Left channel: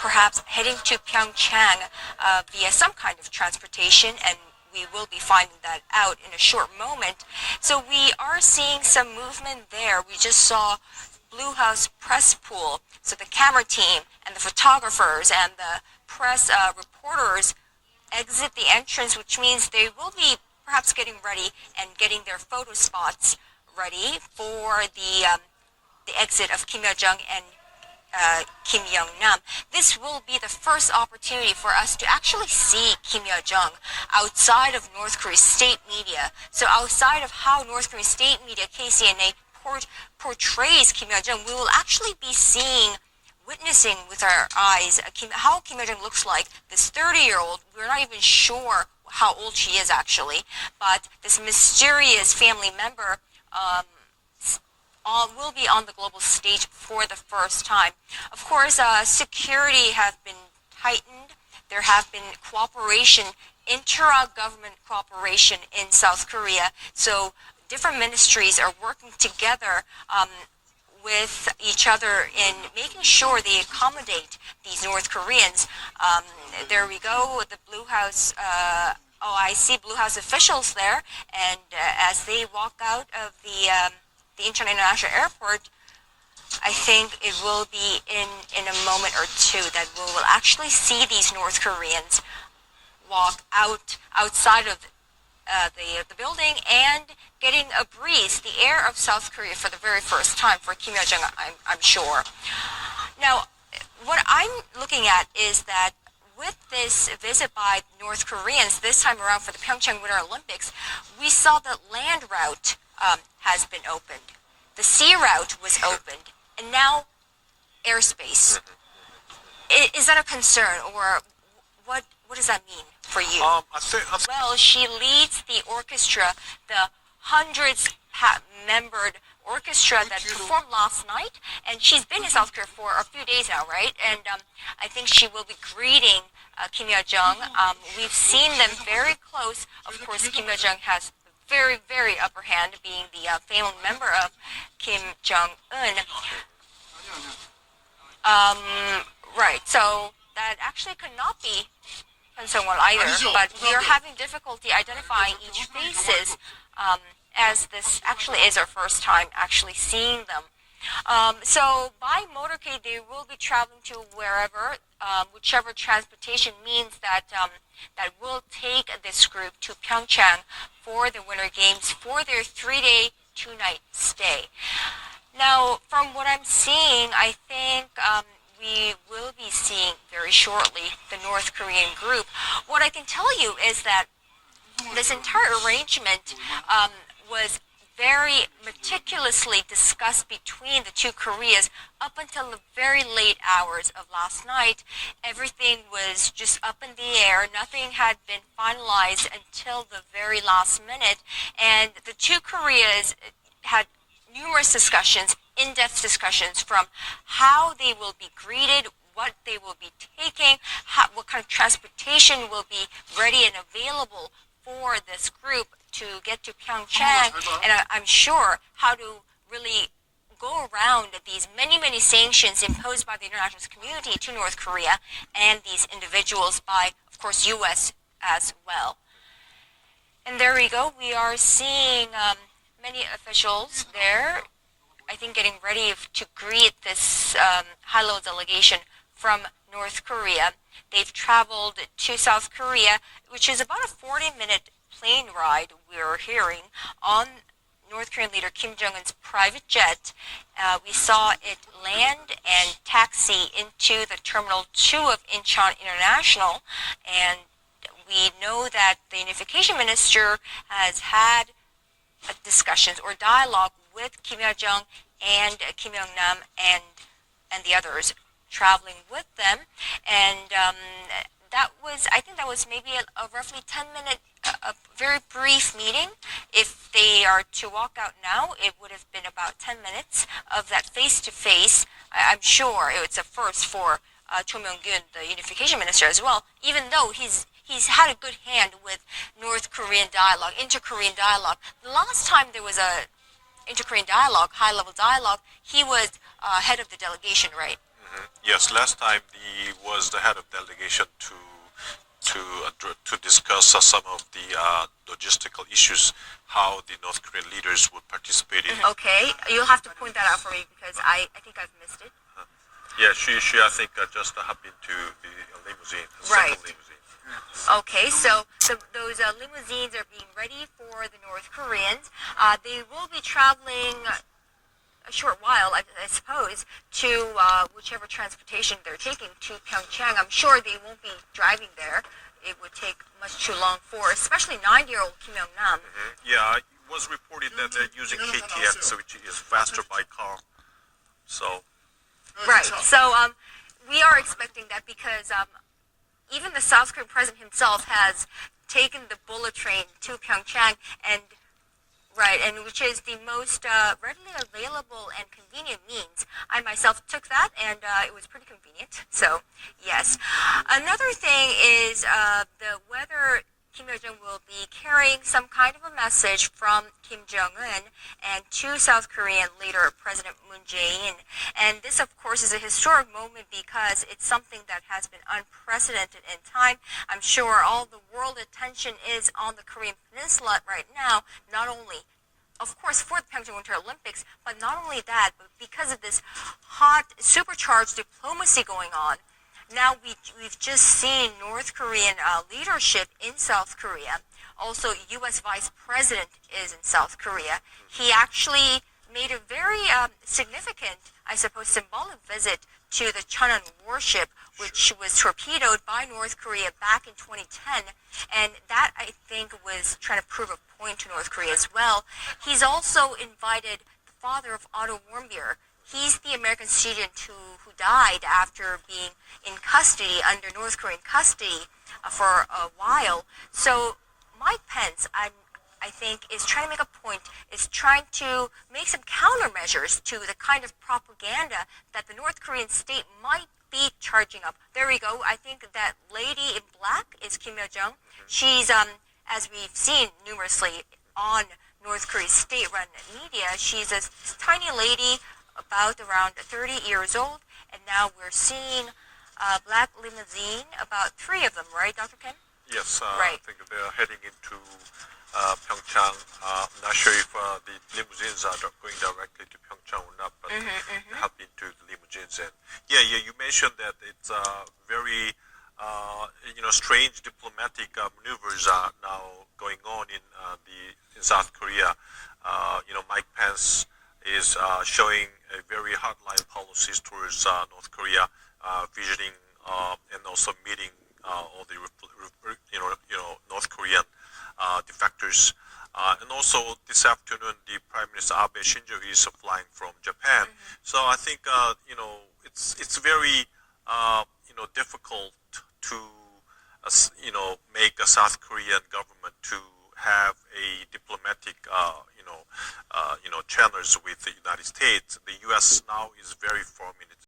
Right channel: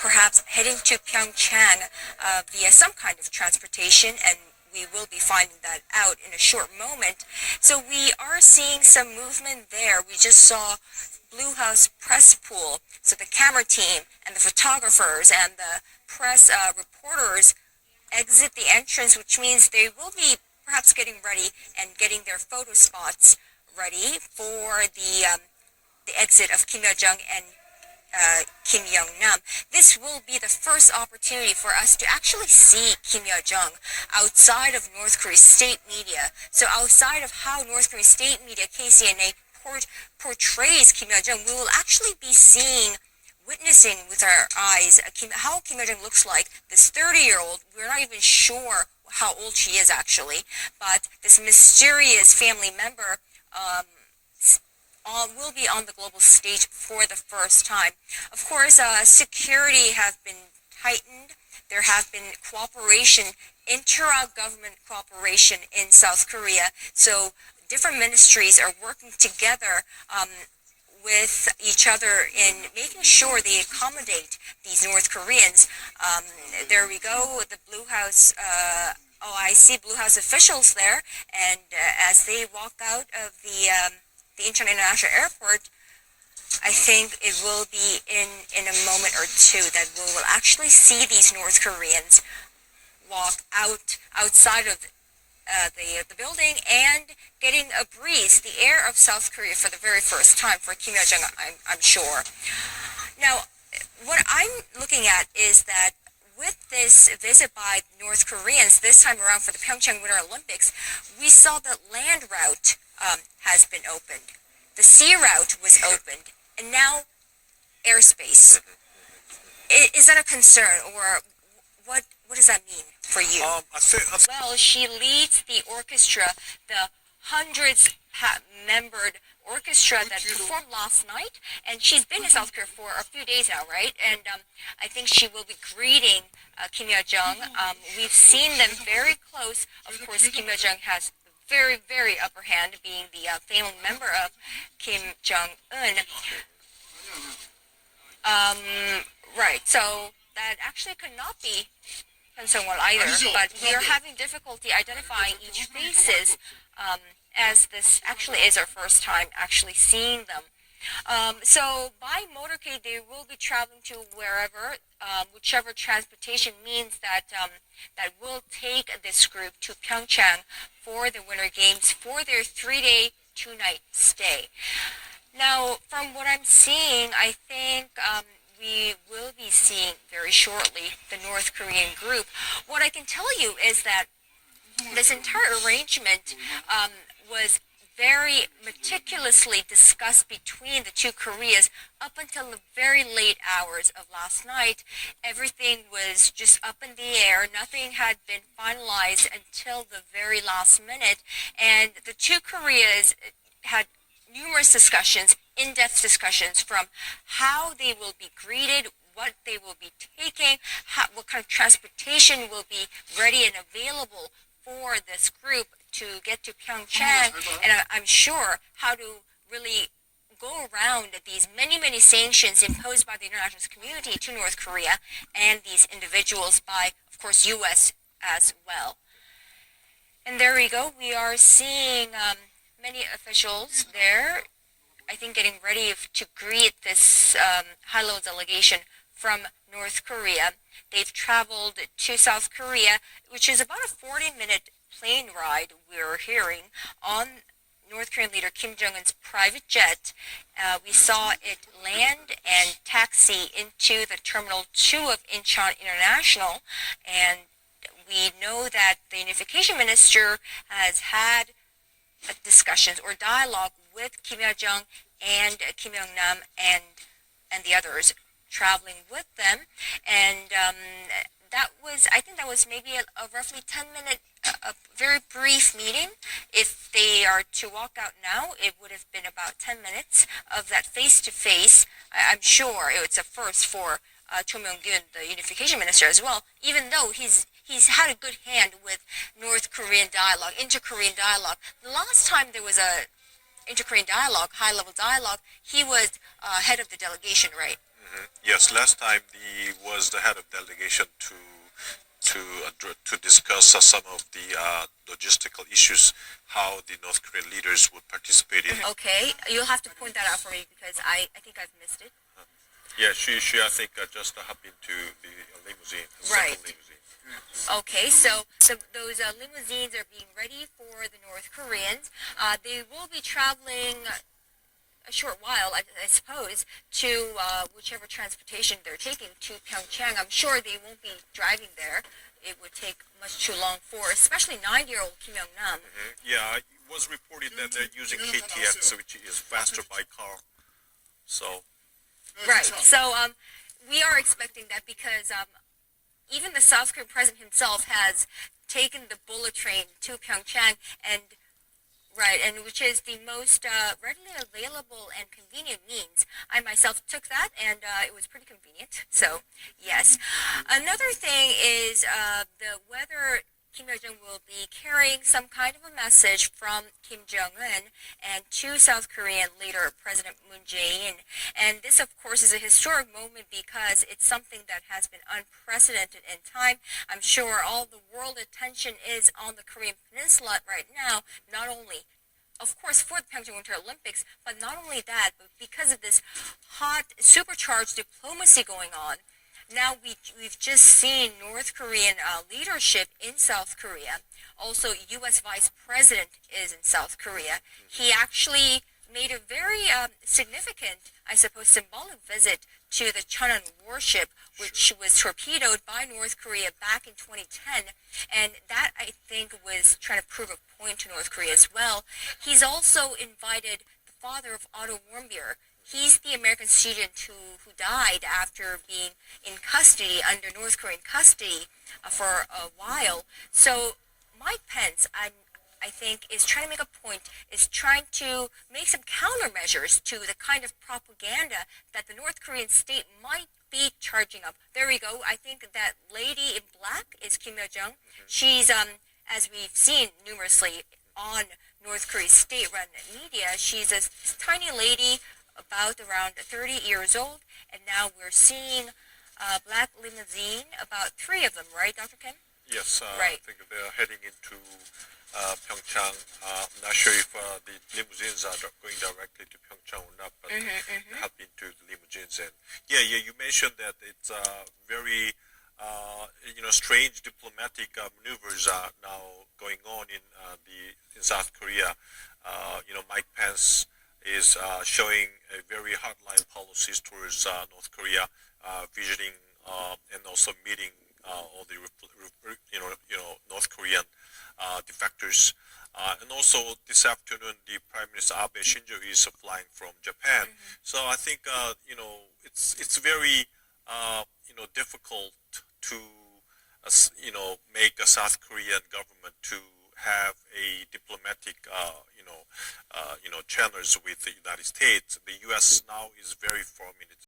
perhaps heading to Pyeongchang via some kind of transportation, and we will be finding that out in a short moment. So we are seeing some movement there. We just saw Blue House press pool, so the camera team and the photographers and the press reporters exit the entrance, which means they will be perhaps getting ready and getting their photo spots ready for the exit of Kim Yo-Jung and Kim Young-nam. This will be the first opportunity for us to actually see Kim Yo-Jung outside of North Korea's state media. So outside of how North Korea's state media, KCNA, portrays Kim Yo-Jung, we will actually be witnessing with our eyes how Kim Yo-Jung looks like. This 30-year-old, we're not even sure how old she is actually, but this mysterious family member will be on the global stage for the first time. Of course, security have been tightened. There have been intra-government cooperation in South Korea. So different ministries are working together with each other in making sure they accommodate these North Koreans. There we go, the Blue House. I see Blue House officials there, and as they walk out of the Incheon International Airport, I think it will be in a moment or two that we will actually see these North Koreans walk outside of the building and getting a breeze, the air of South Korea for the very first time for Kim Yo-Jung, I'm sure. Now, what I'm looking at is that with this visit by North Koreans this time around for the Pyeongchang Winter Olympics, we saw that land route has been opened. The sea route was opened, and now airspace. Is that a concern, or what does that mean for you? Well, she leads the orchestra, the hundreds-membered orchestra that performed last night, and she's been in South Korea for a few days now, right? And I think she will be greeting Kim Yo-Jung. We've seen them very close. Of course, Kim Yo-Jung has very, very upper hand, being the family member of Kim Jong-un. Right, so that actually could not be concerned one either, but we are having difficulty identifying each faces, as this actually is our first time actually seeing them. So by motorcade, they will be traveling to wherever, whichever transportation means that that will take this group to Pyeongchang for the Winter Games for their 3-day, 2-night stay. Now, from what I'm seeing, I think we will be seeing very shortly the North Korean group. What I can tell you is that this entire arrangement was very meticulously discussed between the two Koreas up until the very late hours of last night. Everything was just up in the air. Nothing had been finalized until the very last minute. And the two Koreas had numerous discussions, in-depth discussions, from how they will be greeted, what they will be taking, what kind of transportation will be ready and available for this group to get to Pyeongchang, and I'm sure how to really go around these many, many sanctions imposed by the international community to North Korea and these individuals by, of course, U.S. as well. And there we go. We are seeing many officials there, I think, getting ready to greet this high-level delegation from North Korea. They've traveled to South Korea, which is about a 40-minute plane ride, we're hearing, on North Korean leader Kim Jong-un's private jet. We saw it land and taxi into the Terminal 2 of Incheon International, and we know that the Unification Minister has had discussions or dialogue with Kim Yo-Jung and Kim Young-nam and the others traveling with them, and I think that was maybe a roughly 10-minute, a very brief meeting. If they are to walk out now, it would have been about 10 minutes of that face-to-face. I'm sure it's a first for Cho Myung-gyun, the Unification Minister, as well, even though he's had a good hand with North Korean dialogue, inter-Korean dialogue. The last time there was a inter-Korean dialogue, high-level dialogue, he was head of the delegation, right? Yes, last time he was the head of delegation to discuss some of the logistical issues, how the North Korean leaders would participate in. Okay, you'll have to point that out for me because I think I've missed it. Yeah, she I think just hopped into the limousine, Right. second limousine. Okay, so those limousines are being ready for the North Koreans. They will be traveling a short while, I suppose, to whichever transportation they're taking to Pyeongchang. I'm sure they won't be driving there. It would take much too long for, especially 9-year-old Kim Young-nam. Yeah, it was reported that they're using KTX, which is faster by car. So. Right. So we are expecting that because even the South Korean president himself has taken the bullet train to Pyeongchang, and which is the most readily available and convenient means. I myself took that, and it was pretty convenient. So yes. Another thing is whether Kim Yo-Jung will be carrying some kind of a message from Kim Jong-un and to South Korean leader President Moon Jae-in. And this, of course, is a historic moment because it's something that has been unprecedented in time. I'm sure all the world attention is on the Korean Peninsula right now, not only, of course, for the Pyeongchang Winter Olympics, but not only that, but because of this hot, supercharged diplomacy going on. Now we've just seen North Korean leadership in South Korea. Also, U.S. Vice President is in South Korea. He actually made a very significant, I suppose, symbolic visit to the Cheonan warship, which was torpedoed by North Korea back in 2010. And that, I think, was trying to prove a point to North Korea as well. He's also invited the father of Otto Warmbier. He's the American student who died after being in custody, under North Korean custody for a while. So Mike Pence, I think, is trying to make a point, is trying to make some countermeasures to the kind of propaganda that the North Korean state might be charging up. There we go. I think that lady in black is Kim Yo-Jung. She's, as we've seen numerously on North Korea's state-run media, she's a tiny lady, about around 30 years old, and now we're seeing a black limousine, about 3 of them, right, Dr. Kim? Yes, right. I think they're heading into Pyeongchang. I'm not sure if the limousines are going directly to Pyeongchang or not, but they hop into the limousines. And you mentioned that it's very, strange diplomatic maneuvers are now going on in South Korea. Mike Pence is showing a very hardline policies towards North Korea, visiting and also meeting all the North Korean defectors, and also this afternoon the Prime Minister Abe Shinzo is flying from Japan. So I think it's very difficult to make a South Korean government to have a diplomatic channels with the United States. The U.S. now is very firm in its